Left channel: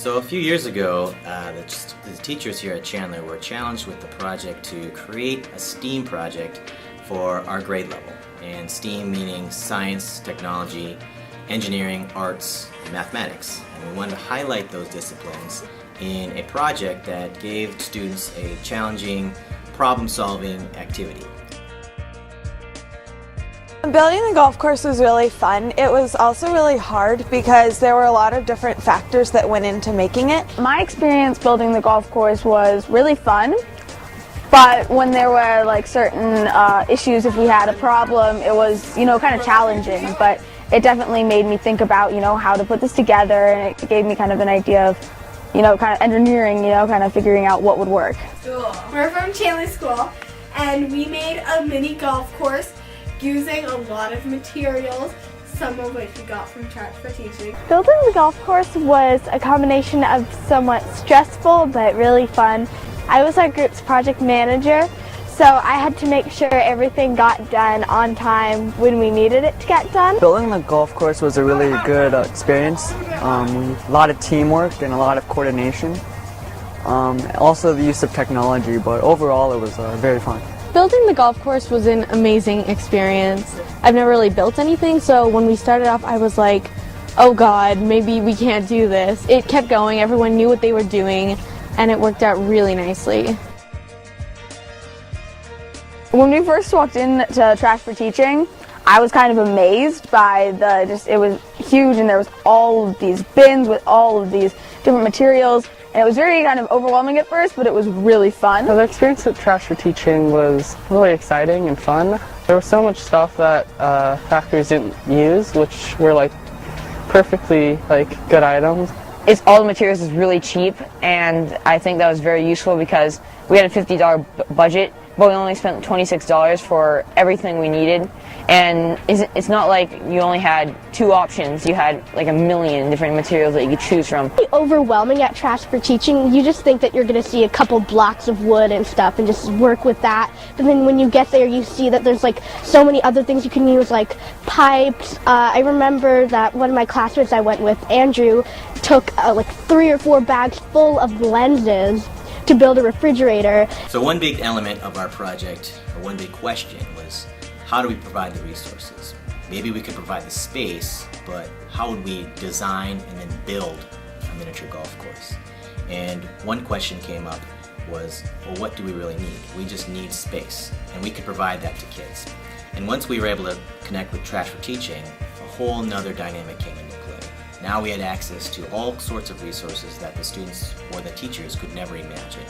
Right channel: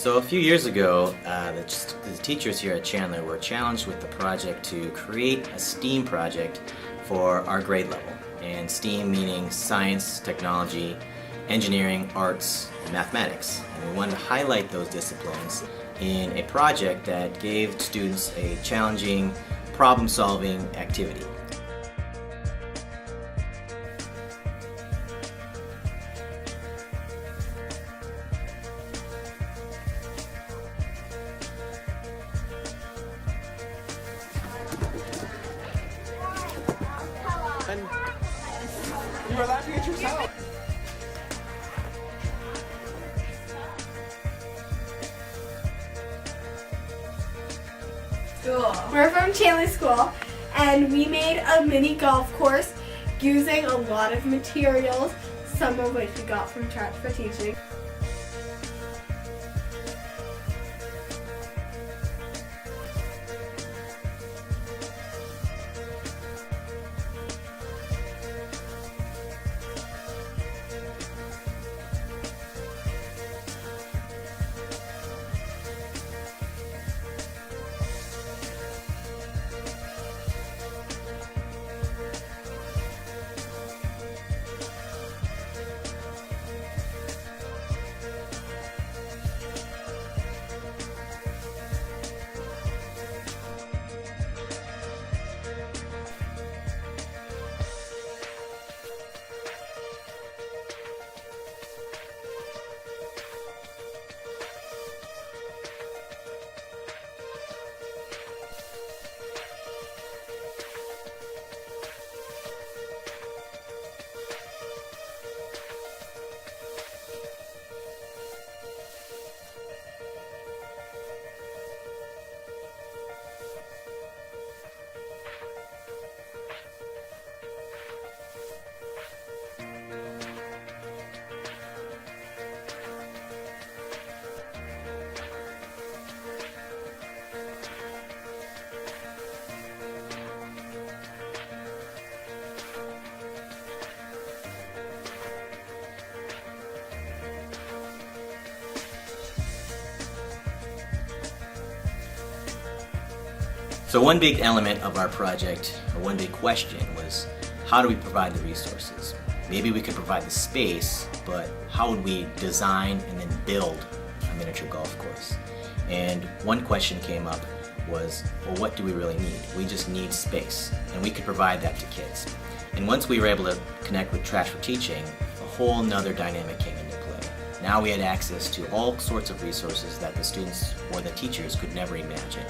So a few years ago, the teachers here at Chandler were challenged with the project to create a STEAM project for our grade level. And STEAM meaning science, technology, engineering, arts, and mathematics. And we wanted to highlight those disciplines in a project that gave students a challenging problem-solving activity. Building the golf course was really fun. It was also really hard because there were a lot of different factors that went into making it. My experience building the golf course was really fun, but when there were like certain issues, if we had a problem, it was, kind of challenging, but it definitely made me think about, how to put this together, and it gave me kind of an idea of, kind of engineering, kind of figuring out what would work. Cool. We're from Chandler School, and we made a mini golf course using a lot of materials, some of which we got from Trash for Teaching. Building the golf course was a combination of somewhat stressful but really fun. I was our group's project manager, so I had to make sure everything got done on time when we needed it to get done. Building the golf course was a really good experience. A lot of teamwork and a lot of coordination. Also the use of technology, but overall it was very fun. Building the golf course was an amazing experience. I've never really built anything, so when we started off I was like, oh god, maybe we can't do this. It kept going, everyone knew what they were doing, and it worked out really nicely. When we first walked into Trash for Teaching, I was kind of amazed by it was huge, and there was all of these bins with all of these different materials, and it was very kind of overwhelming at first, but it was really fun. The experience at Trash for Teaching was really exciting and fun. There was so much stuff that factories didn't use, which were perfectly good items. All the materials is really cheap, and I think that was very useful because we had a $50 budget, but we only spent $26 for everything we needed. And it's not like you only had two options. You had a million different materials that you could choose from. It's overwhelming at Trash for Teaching. You just think that you're going to see a couple blocks of wood and stuff and just work with that. But then when you get there, you see that there's so many other things you can use, like pipes. I remember that one of my classmates I went with, Andrew, took 3 or 4 bags full of lenses to build a refrigerator. So one big element of our project, or one big question, was how do we provide the resources? Maybe we could provide the space, but how would we design and then build a miniature golf course? And one question came up was, well, what do we really need? We just need space, and we could provide that to kids. And once we were able to connect with Trash for Teaching, a whole nother dynamic came into play. Now we had access to all sorts of resources that the students or the teachers could never imagine.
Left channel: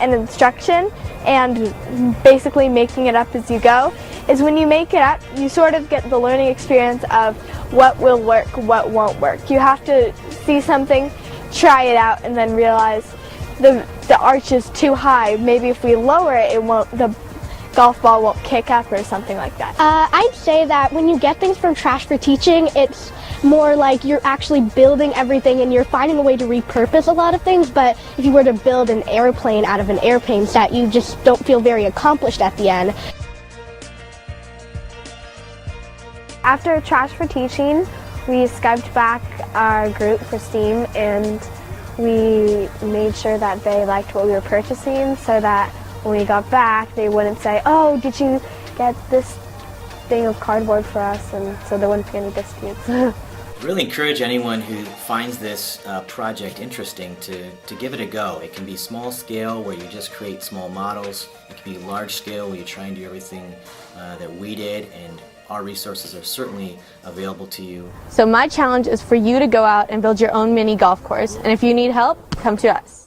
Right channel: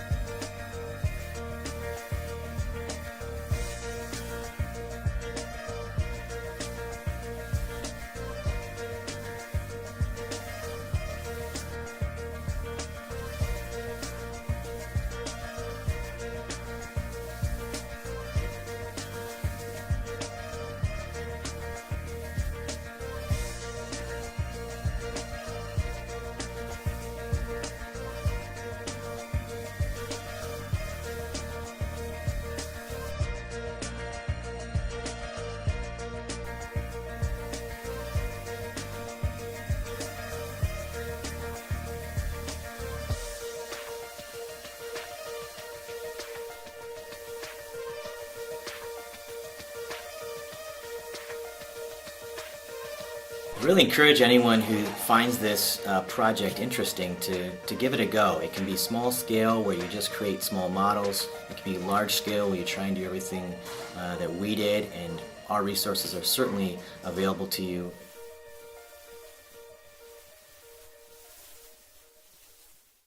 And instruction and basically making it up as you go is when you make it up, you sort of get the learning experience of what will work, what won't work. You have to see something, try it out, and then realize the arch is too high. Maybe if we lower it, the golf ball won't kick up or something like that. I'd say that when you get things from Trash for Teaching, it's more like you're actually building everything and you're finding a way to repurpose a lot of things, but if you were to build an airplane out of an airplane set, you just don't feel very accomplished at the end. After Trash for Teaching, we Skyped back our group for STEAM, and we made sure that they liked what we were purchasing so that when we got back, they wouldn't say, oh, did you get this thing of cardboard for us? And so there wouldn't be any disputes. Really encourage anyone who finds this project interesting to give it a go. It can be small scale where you just create small models. It can be large scale where you try and do everything that we did, and our resources are certainly available to you. So my challenge is for you to go out and build your own mini golf course, and if you need help, come to us.